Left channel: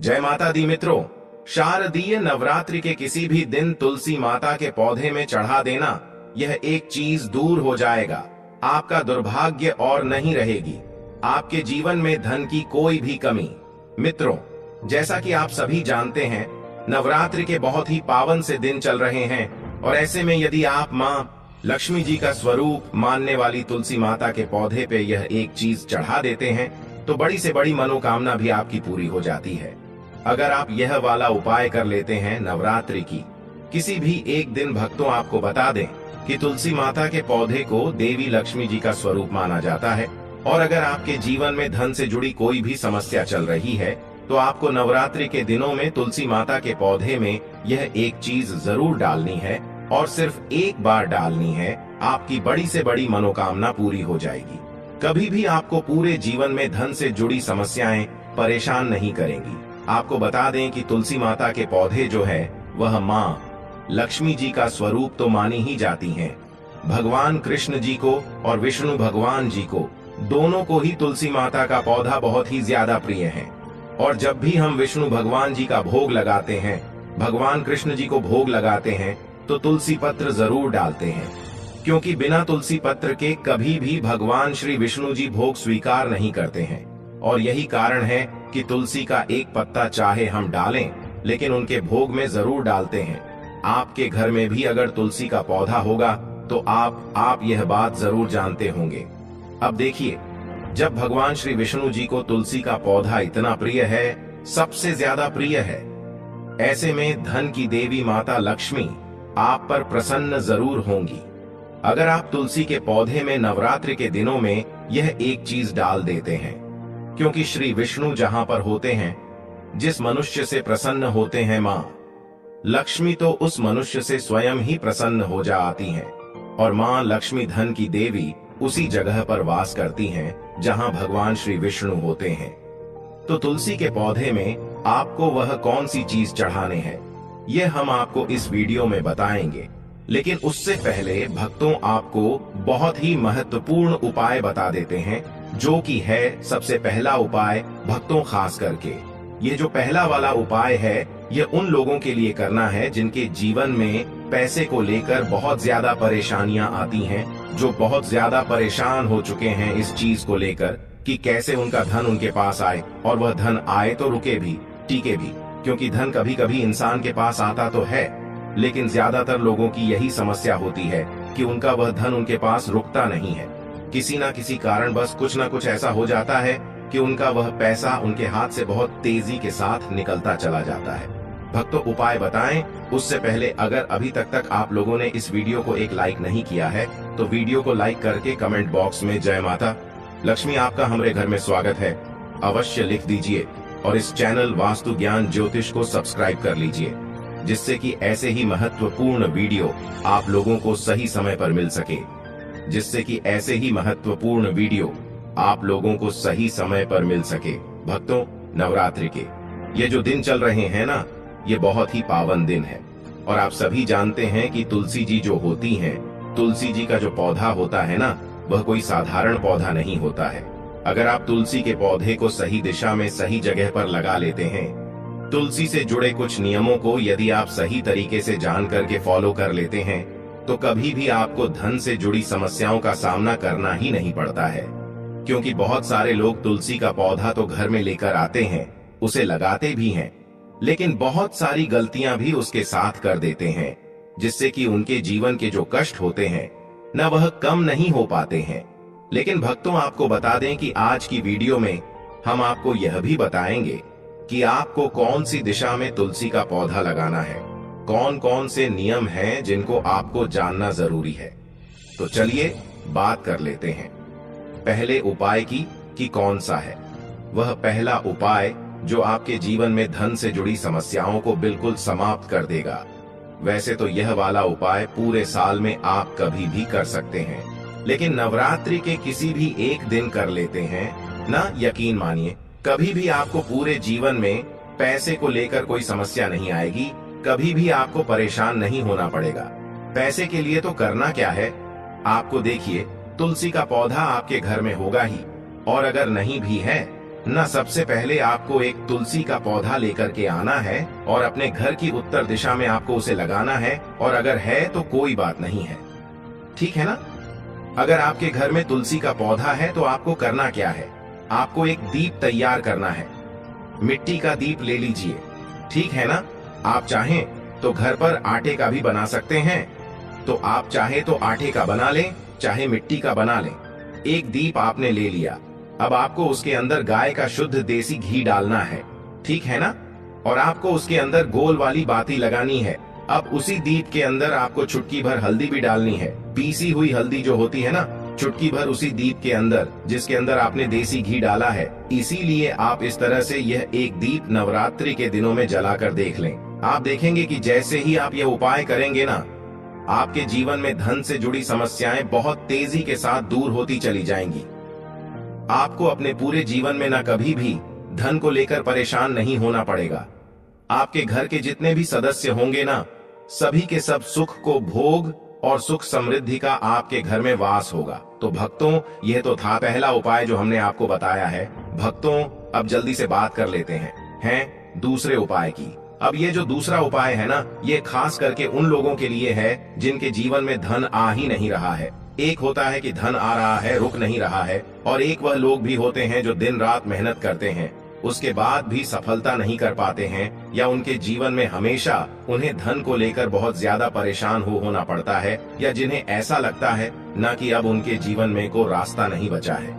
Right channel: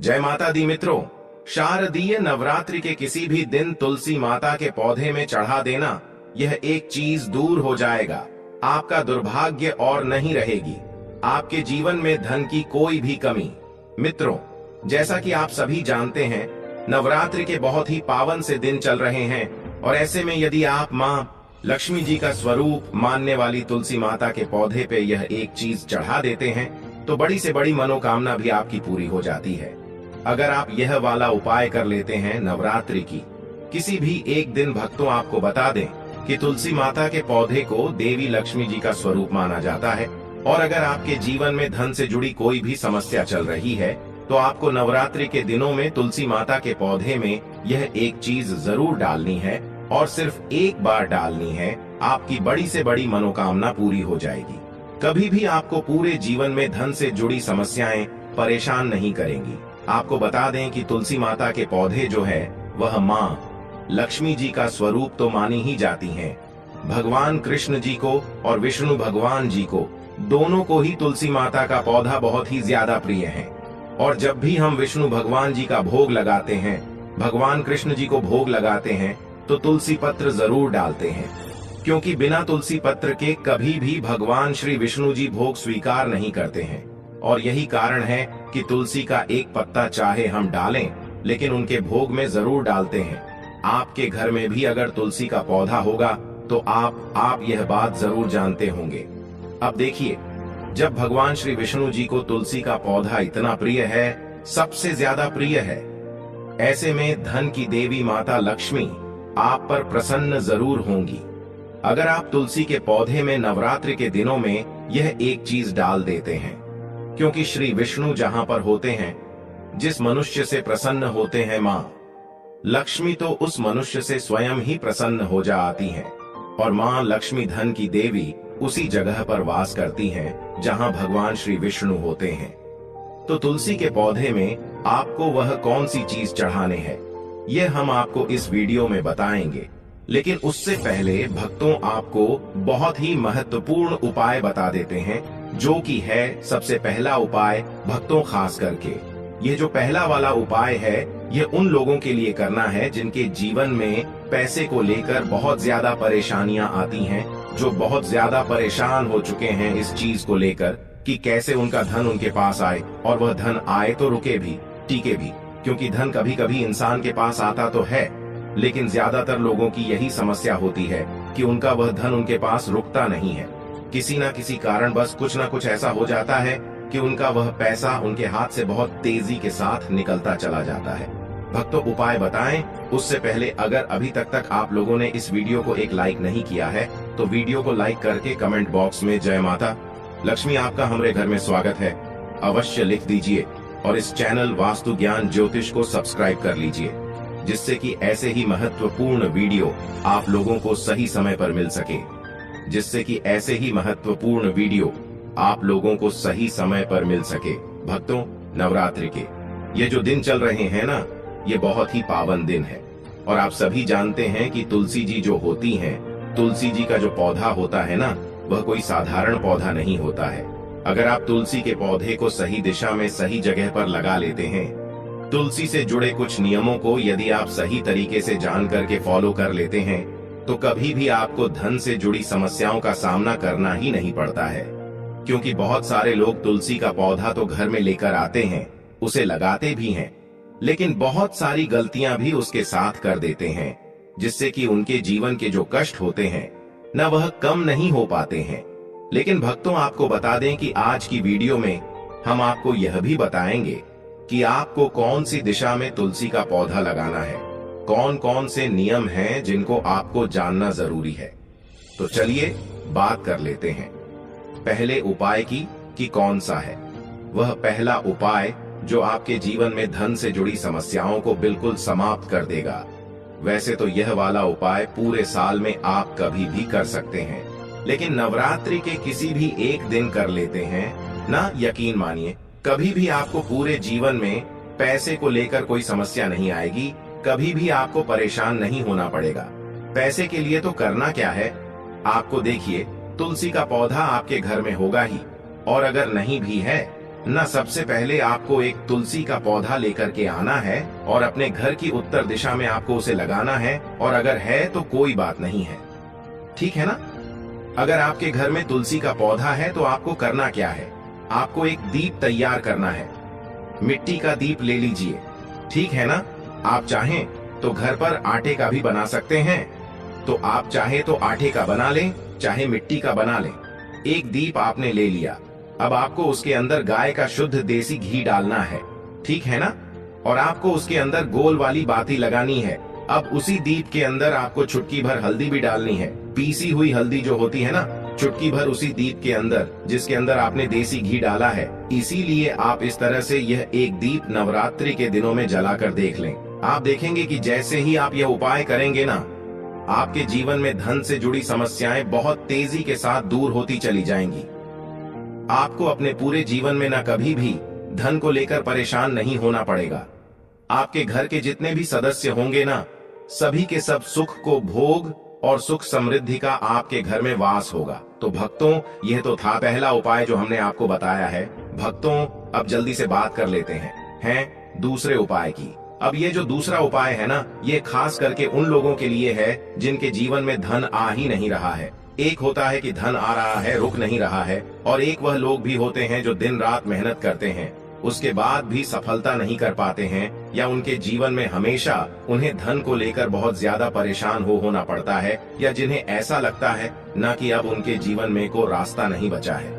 जय माता दी मित्रों। शारदीय नवरात्रि के किसी भी दिन तुलसी माता के पौधे में चढ़ा देना, यह एक चीज दूर हो जाएगा। आपका दुर्भाग्य और नहीं रहेगी। आपके जीवन में धन की कोई भी कमी। मित्रों, जैसा कि आप सभी जानते हैं, नवरात्रि के बहुत ही पावन से दिन चल रहे हैं और ऐसे में यदि आप माँ लक्ष्मी जी का स्वरूप मानने वाली तुलसी माता के पौधे पे यह एक चीज चढ़ा देते हैं तो बड़ी से बड़ी मनोकामना भी आपकी पूरी हो जाती है। अगर आप यह वाला उपाय कर लेते हैं नवरात्रि की किसी भी एक दिन, भक्तों आपको बता दें कि तुलसी माता के पौधे को देवी लक्ष्मी जी का स्वरूप माना जाता है और अगर आपके जीवन में धन से जुड़ी कोई भी समस्या चल रही है तो आपको नवरात्रि के दिनों में तुलसी माता के पौधे में यह एक चीज जरूर डालनी है और सिर्फ एक बार डालनी है। आपकी बड़ी से बड़ी मनोकामना पूरी हो जाएगी। कभी भी आपको पूरे जीवन में धन से जुड़ी समस्याएं परेशान नहीं करेंगी। आपको बता दें कि तुलसी माता के पौधे जो है वह माँ लक्ष्मी जी का स्वरूप तो मानी ही जाती हैं। भगवान कृष्ण जी को और विष्णु भगवान जी को, दोनों को ही तुलसी माता का पौधा बहुत ही ज्यादा प्रिय है। और जब भी हम विष्णु भगवान जी का भोग लगाते हैं, भगवान कृष्ण जी को भोग लगाते हैं तो तुलसी पत्र जरूर डालते हैं, क्योंकि बिना तुलसी पत्र के कभी भी भगवान श्री विष्णु जी भोग स्वीकार नहीं करते हैं। और यही कारण है कि तुलसी का एक पत्ता चाहे हम डालें लेकिन उनके भोग में जरूर डालते हैं। आपके घर में भी अगर तुलसी का पौधा होगा तो आप यह बात जरूर जानते होंगे। अब देखिए, जब भगवान श्री विष्णु जी को तुलसी का पौधा इतना प्रिय है, सबसे ज्यादा प्रिय है, ऐसे में धन की देवी माता लक्ष्मी आप पर प्रसन्न जरूर होंगी। अगर आप तुलसी के पौधे में नवरात्रि के दिनों में यह एक चीज डाल देते हैं, क्योंकि श्री विष्णु जहां पर होते हैं, जिस मनुष्य से प्रसन्न होते हैं मां लक्ष्मी, तो उस मनुष्य से स्वयं ही प्रसन्न हो जाती हैं। और मां लक्ष्मी धन की देवी उसी जगह पर वास करती हैं जहां भगवान श्री विष्णु होते हैं। तो तुलसी के पौधे में आपको वह कौन सी चीज चढ़ाने हैं, यह हम आपको इस वीडियो में बताएंगे। लेकिन उससे पहले भक्तों, आपको बहुत ही महत्वपूर्ण उपाय बता देते हैं, जो कि है सबसे पहला उपाय भक्तों, खास करके यह जो पहला वाला उपाय है यह उन लोगों के लिए करना है जिनके जीवन में पैसे को लेकर बहुत ज्यादा परेशानियां आती हैं, जो बहुत ज्यादा परेशान हो चुके हैं इस चीज को लेकर कि कैसे उनका धन उनके पास आए, और वह धन आए तो रुके भी, टीके भी। क्योंकि धन कभी कभी इंसान के पास आता तो है, लेकिन ज्यादातर लोगों की यही समस्या होती है कि उनका वह धन उनके पास रुकता नहीं है। किसी ना किसी कारण बस कुछ ना कुछ ऐसा हो जाता है कि उनका वह पैसा उनके हाथ से बहुत तेजी के साथ निकलता चला जाता है। भक्तों, उपाय बताएं उससे पहले अगर अभी तक आप लोगों ने इस वीडियो को एक लाइक नहीं किया है तो वीडियो को लाइक करके कमेंट बॉक्स में जय माता लक्ष्मी आपका हमारे घर में स्वागत है अवश्य लिख दीजिए और इस चैनल वास्तु ज्ञान ज्योतिष को सब्सक्राइब कर लीजिए, जिससे कि ऐसे ही महत्वपूर्ण वीडियो आप लोगों को सही समय पर मिल सके, आप लोगों को सही समय पर मिल सके। भक्तों, नवरात्रि के ये जो दिन चल रहे हैं ना, ये बहुत ही पावन दिन है। और आप सभी जानते हैं कि तुलसी जी जो होती हैं, तुलसी जी का जो पौधा होता है ना, वह कोई साधारण पौधा नहीं होता है। अगर आप तुलसी के पौधे को सही दिशा में सही जगह पर लगा लेते हैं, तुलसी से जुड़े कुछ नियमों को यदि आप सही तरीके से जान करके फॉलो कर लेते हैं, तो कभी भी आपको धन से जुड़ी समस्याओं का सामना करना ही नहीं पड़ता है। क्योंकि बहुत सारे लोग तुलसी का पौधा तो घर में लेकर आते हैं, उसे लगाते भी हैं, लेकिन बहुत सारी गलतियां भी उसके साथ कर देते हैं, जिससे कि उनके जीवन के जो कष्ट होते हैं न, वह कम नहीं हो पाते हैं। लेकिन भक्तों, आपको बता दें कि आज की वीडियो में हम आपको यह भी बताएंगे कि आपको कौन सी दिशा में तुलसी का पौधा लगाना है, कौन कौन से नियम हैं जिनको आपको जानना जरूरी है। तो चलिए बात कर लेते हैं पहले उपाय की कि कौन सा है। वह पहला उपाय जो आपके जीवन में धन से जुड़ी समस्याओं को बिल्कुल समाप्त कर देगा। वैसे तो यह वाला उपाय पूरे साल में आप कभी भी कर सकते हैं, लेकिन नवरात्रि के किसी भी एक दिन कर लेते हैं ना, यकीन मानिए कभी भी आपको पूरे जीवन में पैसे को लेकर कोई समस्या नहीं आएगी, कभी भी आपको परेशान नहीं होना पड़ेगा। पैसे के लिए तो करना क्या है, आपको देखिए तुलसी का पौधा आपके घर में होगा ही, और अगर नहीं भी है ना सबसे पहले आपको एक तुलसी का पौधा लेकर के आना है और अपने घर की उत्तर दिशा में आपको उसे लगाना है, और अगर है तो कोई बात नहीं है, ठीक है ना। अगर आपके घर में तुलसी का पौधा है तो आपको करना क्या है, आपको एक दीप तैयार करना है। मिट्टी का दीप ले लीजिए, ठीक है ना। आप चाहें तो घर पर आटे का भी बना सकते हैं, तो आप चाहे तो आटे का बना लें, चाहे मिट्टी का बना लें। एक दीप आपने ले लिया, अब आपको उसके अंदर गाय का शुद्ध देसी घी डालना है, ठीक है ना। और आपको उसके अंदर गोल वाली बाती लगानी है। अब उसी दीप के अंदर आपको चुटकी भर हल्दी भी डालनी है, पीसी हुई हल्दी जो होती है ना, चुटकी भर उसी दीप के अंदर जिसके अंदर आपने देसी घी डाला है। इसीलिए आप इस तरह से यह एक दीप नवरात्रि के दिनों में जलाकर देख लें। आप देखेंगे कि जैसे ही आप यह उपाय करेंगे ना, आपके जीवन में धन से जुड़ी समस्याएं बहुत तेजी के साथ दूर होती चली जाएंगी। आपको अपने पूरे जीवन में न कभी भी धन को लेकर परेशान नहीं होना पड़ेगा। आपके घर के जितने भी सदस्य होंगे ना, सभी के सब सुख को भोग और सुख समृद्धि का आपके घर में वास होगा। तो भक्तों, यह तो था पहला उपाय जो हमने आपको बताया है। भक्तों, अब जल्दी से बात कर लेते हैं दूसरे उपाय की। अब ये जो दूसरा उपाय है ना, ये खास करके उन लोगों के लिए है जिनके जीवन में धन आ ही नहीं रहा है। एक होता है कि धन आ रहा है, रुक नहीं रहा है, और एक वह लोग भी होते हैं जो दिन रात मेहनत करते हैं, उसके बाद भी सफलता नहीं कर पाते हैं, या उनके जीवन में हमेशा उन्हें धन को लेकर बहुत ज्यादा परेशान होना पड़ता है, या जिन्हें ऐसा लगता है ना कि अब उनके जीवन में को रास्ता नहीं बचा है,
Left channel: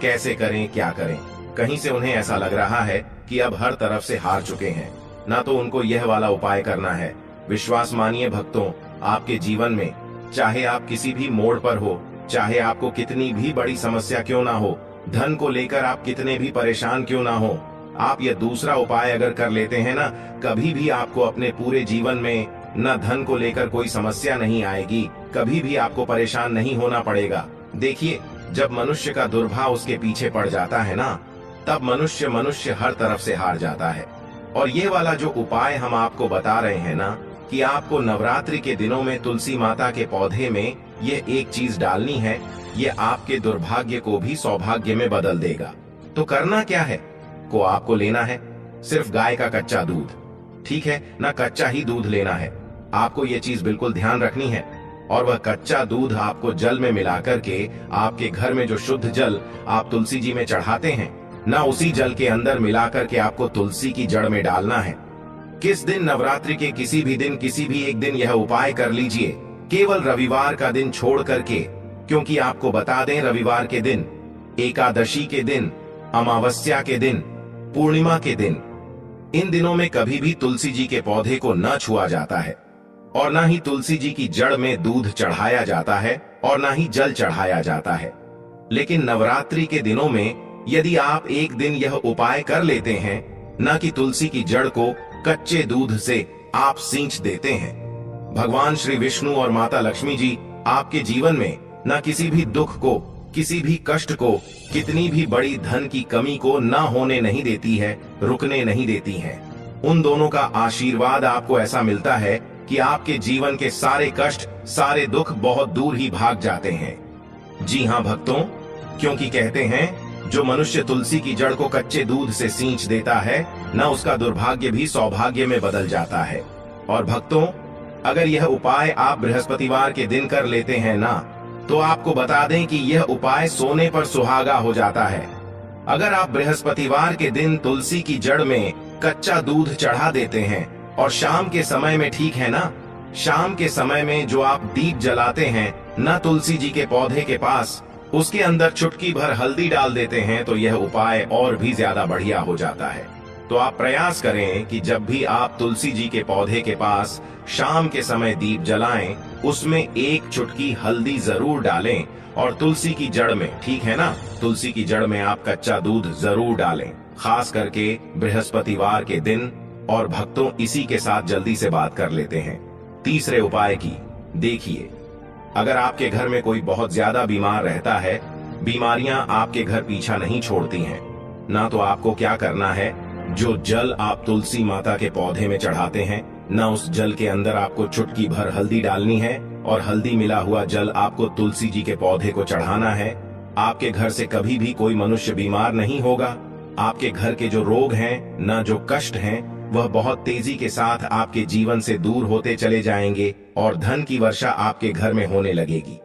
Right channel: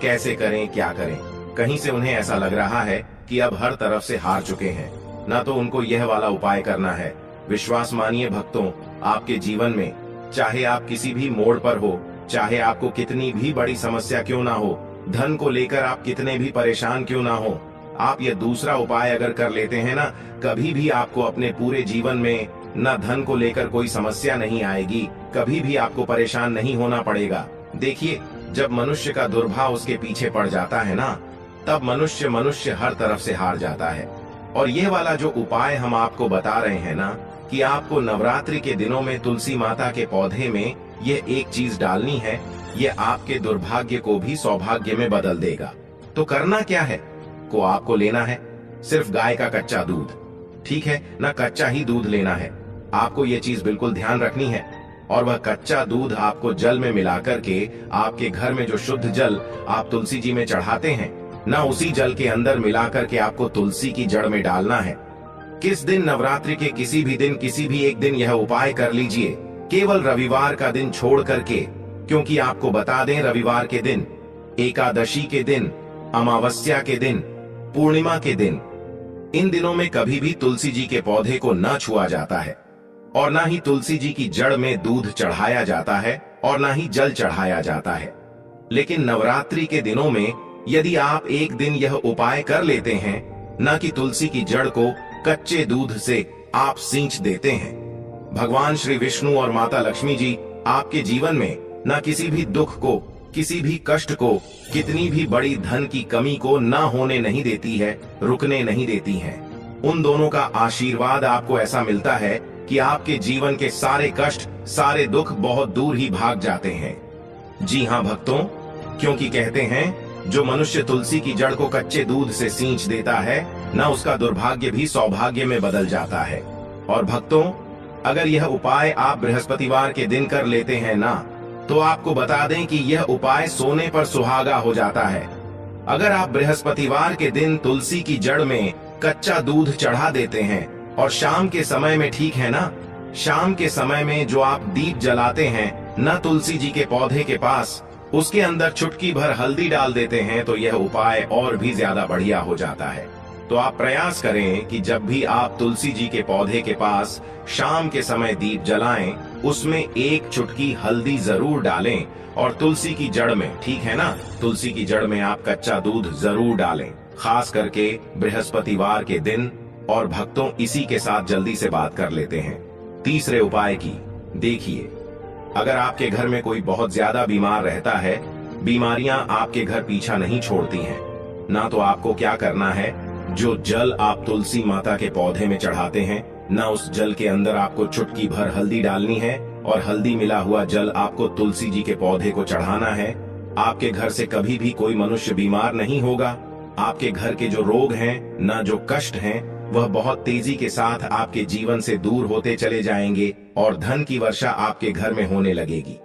कैसे करें क्या करें। कहीं से उन्हें ऐसा लग रहा है कि अब हर तरफ से हार चुके हैं, ना तो उनको यह वाला उपाय करना है। विश्वास मानिए भक्तों, आपके जीवन में चाहे आप किसी भी मोड़ पर हो, चाहे आपको कितनी भी बड़ी समस्या क्यों ना हो, धन को लेकर आप कितने भी परेशान क्यों ना हो, आप यह दूसरा उपाय अगर कर लेते हैं ना, कभी भी आपको अपने पूरे जीवन में न धन को लेकर कोई समस्या नहीं आएगी, कभी भी आपको परेशान नहीं होना पड़ेगा। देखिए, जब मनुष्य का दुर्भाव उसके पीछे पड़ जाता है ना, तब मनुष्य हर तरफ से हार जाता है। और यह वाला जो उपाय हम आपको बता रहे हैं ना, कि आपको नवरात्रि के दिनों में तुलसी माता के पौधे में यह एक चीज डालनी है, यह आपके दुर्भाग्य को भी सौभाग्य में बदल देगा। तो करना क्या है, को आपको लेना है सिर्फ गाय का कच्चा दूध, ठीक है ना। कच्चा ही दूध लेना है, आपको यह चीज बिल्कुल ध्यान रखनी है। और वह कच्चा दूध आपको जल में मिलाकर के आपके घर में जो शुद्ध जल आप तुलसी जी में चढ़ाते हैं ना, उसी जल के अंदर मिलाकर के आपको तुलसी की जड़ में डालना है। किस दिन, नवरात्रि के किसी भी दिन, किसी भी एक दिन यह उपाय कर लीजिए, केवल रविवार का दिन छोड़ करके, क्योंकि आपको बता दें रविवार के दिन, एकादशी के दिन, अमावस्या के दिन, पूर्णिमा के दिन, इन दिनों में कभी भी तुलसी जी के पौधे को न छुआ जाता है, और न ही तुलसी जी की जड़ में दूध चढ़ाया जाता है, और न ही जल चढ़ाया जाता है। लेकिन नवरात्रि के दिनों में यदि आप एक दिन यह उपाय कर लेते हैं, न कि तुलसी की जड़ को कच्चे दूध से आप सींच देते हैं, भगवान श्री विष्णु और माता लक्ष्मी जी आपके जीवन में न किसी भी दुख को, किसी भी कष्ट को, कितनी भी बड़ी धन की कमी को ना होने नहीं देती है, रुकने नहीं देती है। उन दोनों का आशीर्वाद आपको ऐसा मिलता है कि आपके जीवन के सारे कष्ट, सारे दुख बहुत दूर ही भाग जाते हैं। जी हाँ भक्तों, क्योंकि कहते हैं जो मनुष्य तुलसी की जड़ को कच्चे दूध से सींच देता है ना, उसका दुर्भाग्य भी सौभाग्य में बदल जाता है। और भक्तों, अगर यह उपाय आप बृहस्पतिवार के दिन कर लेते हैं ना, तो आपको बता दें कि यह उपाय सोने पर सुहागा हो जाता है। अगर आप बृहस्पतिवार के दिन तुलसी की जड़ में कच्चा दूध चढ़ा देते हैं, और शाम के समय में, ठीक है ना, शाम के समय में जो आप दीप जलाते हैं न तुलसी जी के पौधे के पास, उसके अंदर चुटकी भर हल्दी डाल देते हैं, तो यह उपाय और भी ज्यादा बढ़िया हो जाता है। तो आप प्रयास करें कि जब भी आप तुलसी जी के पौधे के पास शाम के समय दीप जलाएं, उसमें एक चुटकी हल्दी जरूर डालें, और तुलसी की जड़ में, ठीक है ना, तुलसी की जड़ में आप कच्चा दूध जरूर डालें, खास करके बृहस्पतिवार के दिन। और भक्तों, इसी के साथ जल्दी से बात कर लेते हैं तीसरे उपाय की। देखिए, अगर आपके घर में कोई बहुत ज्यादा बीमार रहता है, बीमारियां आपके घर पीछा नहीं छोड़ती हैं, ना तो आपको क्या करना है, जो जल आप तुलसी माता के पौधे में चढ़ाते हैं ना, उस जल के अंदर आपको चुटकी भर हल्दी डालनी है, और हल्दी मिला हुआ जल आपको तुलसी जी के पौधे को चढ़ाना है। आपके घर से कभी भी कोई मनुष्य बीमार नहीं होगा, आपके घर के जो रोग हैं, न जो कष्ट हैं, वह बहुत तेजी के साथ आपके जीवन से दूर होते चले जाएंगे और धन की वर्षा आपके घर में होने लगेगी।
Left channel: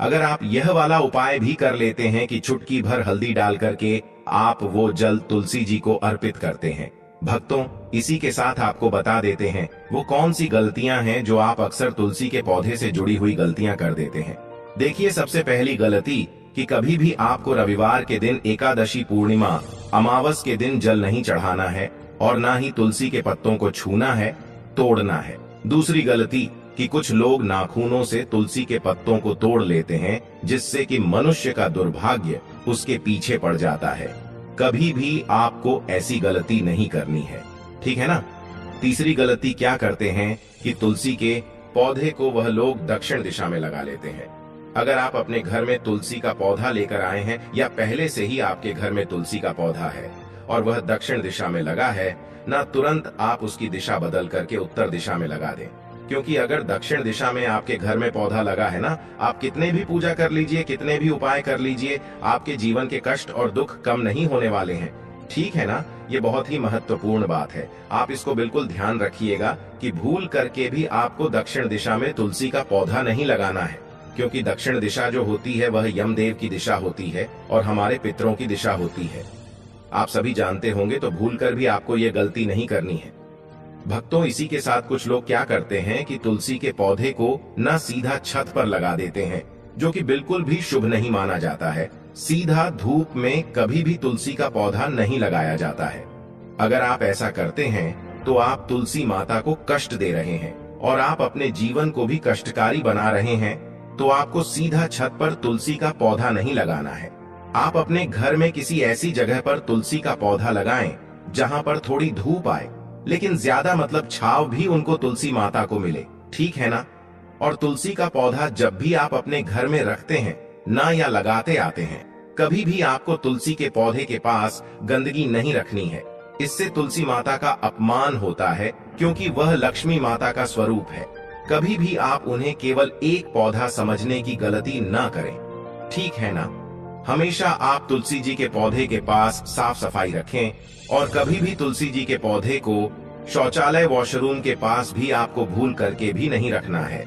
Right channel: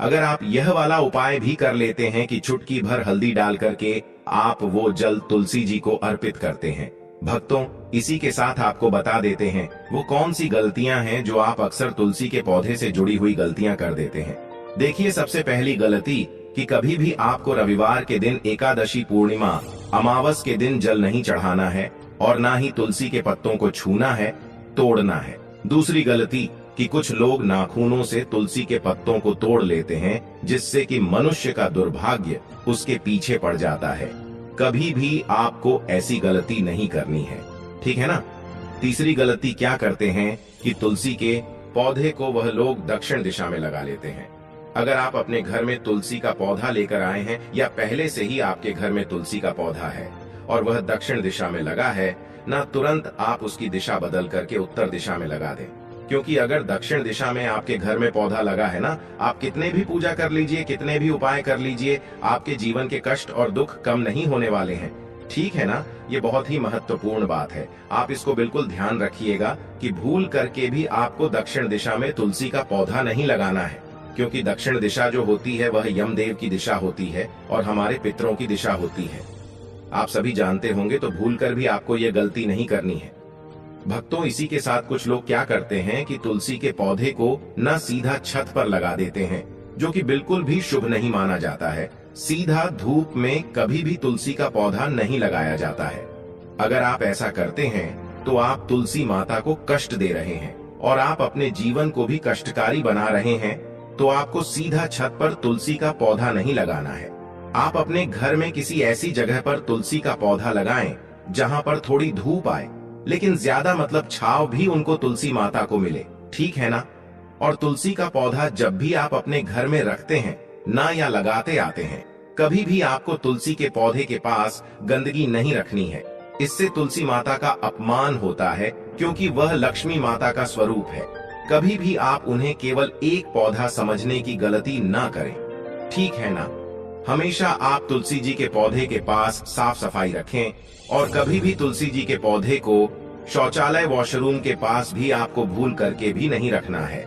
अगर आप यह वाला उपाय भी कर लेते हैं कि चुटकी भर हल्दी डाल करके आप वो जल तुलसी जी को अर्पित करते हैं। भक्तों, इसी के साथ आपको बता देते हैं वो कौन सी गलतियां हैं जो आप अक्सर तुलसी के पौधे से जुड़ी हुई गलतियां कर देते हैं। देखिए, सबसे पहली गलती कि कभी भी आपको रविवार के दिन, एकादशी, पूर्णिमा, अमावस के दिन जल नहीं चढ़ाना है और ना ही तुलसी के पत्तों को छूना है, तोड़ना है। दूसरी गलती कि कुछ लोग नाखूनों से तुलसी के पत्तों को तोड़ लेते हैं, जिससे कि मनुष्य का दुर्भाग्य उसके पीछे पड़ जाता है। कभी भी आपको ऐसी गलती नहीं करनी है, ठीक है ना। तीसरी गलती क्या करते हैं कि तुलसी के पौधे को वह लोग दक्षिण दिशा में लगा लेते हैं। अगर आप अपने घर में तुलसी का पौधा लेकर आए हैं या पहले से ही आपके घर में तुलसी का पौधा है और वह दक्षिण दिशा में लगा है, ना तुरंत आप उसकी दिशा बदल करके उत्तर दिशा में लगा दें। क्योंकि अगर दक्षिण दिशा में आपके घर में पौधा लगा है ना, आप कितने भी पूजा कर लीजिए, कितने भी उपाय कर लीजिए, आपके जीवन के कष्ट और दुख कम नहीं होने वाले हैं, ठीक है ना। ये बहुत ही महत्वपूर्ण बात है, आप इसको बिल्कुल ध्यान रखिएगा कि भूल करके भी आपको दक्षिण दिशा में तुलसी का पौधा नहीं लगाना है। क्योंकि दक्षिण दिशा जो होती है वह यमदेव की दिशा होती है और हमारे पितरों की दिशा होती है। आप सभी जानते होंगे, तो भूल कर भी आपको ये गलती नहीं करनी है। भक्तों, इसी के साथ कुछ लोग क्या करते हैं कि तुलसी के पौधे को न सीधा छत पर लगा देते हैं, जो कि बिल्कुल भी शुभ नहीं माना जाता है। सीधा धूप में कभी भी तुलसी का पौधा नहीं लगाया जाता है। अगर आप ऐसा करते हैं तो आप तुलसी माता को कष्ट दे रहे हैं और आप अपने जीवन को भी कष्टकारी बना रहे हैं। तो आपको सीधा छत पर तुलसी का पौधा नहीं लगाना है। आप अपने घर में किसी ऐसी जगह पर तुलसी का पौधा लगाएं जहां पर थोड़ी धूप आए, लेकिन ज्यादा मतलब छाव भी उनको तुलसी माता को मिले, ठीक है ना। और तुलसी का पौधा जब भी आप अपने घर में रखते हैं ना या लगाते आते हैं, कभी भी आपको तुलसी के पौधे के पास गंदगी नहीं रखनी है। इससे तुलसी माता का अपमान होता है, क्योंकि वह लक्ष्मी माता का स्वरूप है। कभी भी आप उन्हें केवल एक पौधा समझने की गलती ना करें, ठीक है ना। हमेशा आप तुलसी जी के पौधे के पास साफ सफाई रखें और कभी भी तुलसी जी के पौधे को शौचालय, वॉशरूम के पास भी आपको भूल करके भी नहीं रखना है।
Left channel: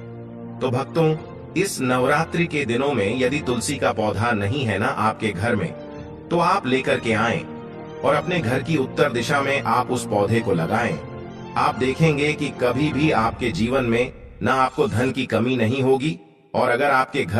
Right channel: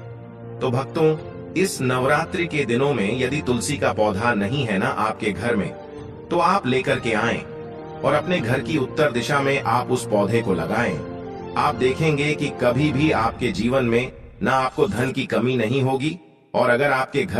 तो भक्तों, इस नवरात्रि के दिनों में यदि तुलसी का पौधा नहीं है ना आपके घर में, तो आप लेकर के आएं और अपने घर की उत्तर दिशा में आप उस पौधे को लगाएं। आप देखेंगे कि कभी भी आपके जीवन में ना आपको धन की कमी नहीं होगी और अगर आपके घर